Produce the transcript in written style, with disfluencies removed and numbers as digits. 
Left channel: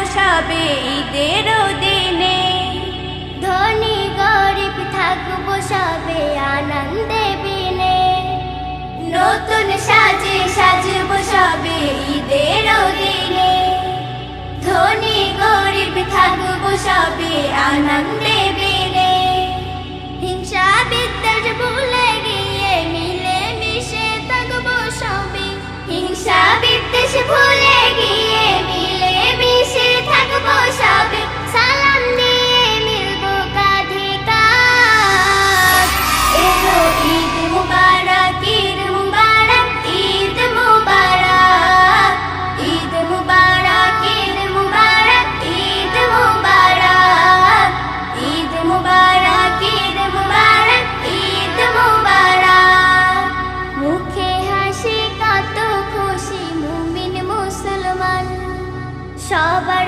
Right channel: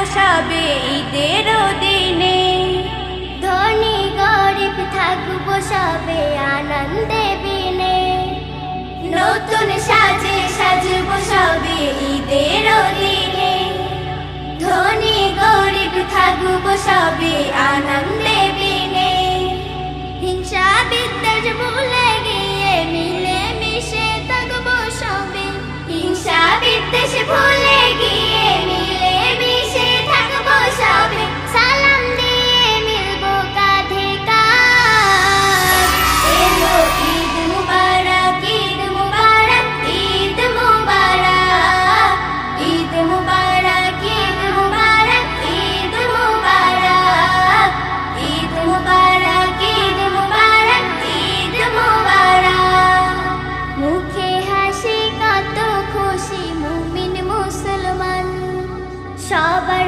বসাবে ঈদের দিনে। ধনী গরিব থাকবো সবে আনন্দে বিনে। নতুন সাজে সাজবো সবে ঈদের দিনে। ধনী গরিব থাকবো সবে আনন্দে বিনে। হিংসা বিদ্বেষ ভুলে গিয়ে মিলে মিশে থাকবো সবে। হিংসা বিদ্বেষ ভুলে গিয়ে মিলে মিশে থাকবো সবে। সালাম দিয়ে মিলবো কাঁধে কাঁধ। এলো ঈদ মুবারক, ঈদ মুবারক, ঈদ মুবারক, ঈদ মুবারক, ঈদ মুবারক, ঈদ মুবারক, ঈদ মুবারক, ঈদ মুবারক, ঈদ মুবারক। মুখে হাসি কত খুশি মুমিন মুসলমান, সবার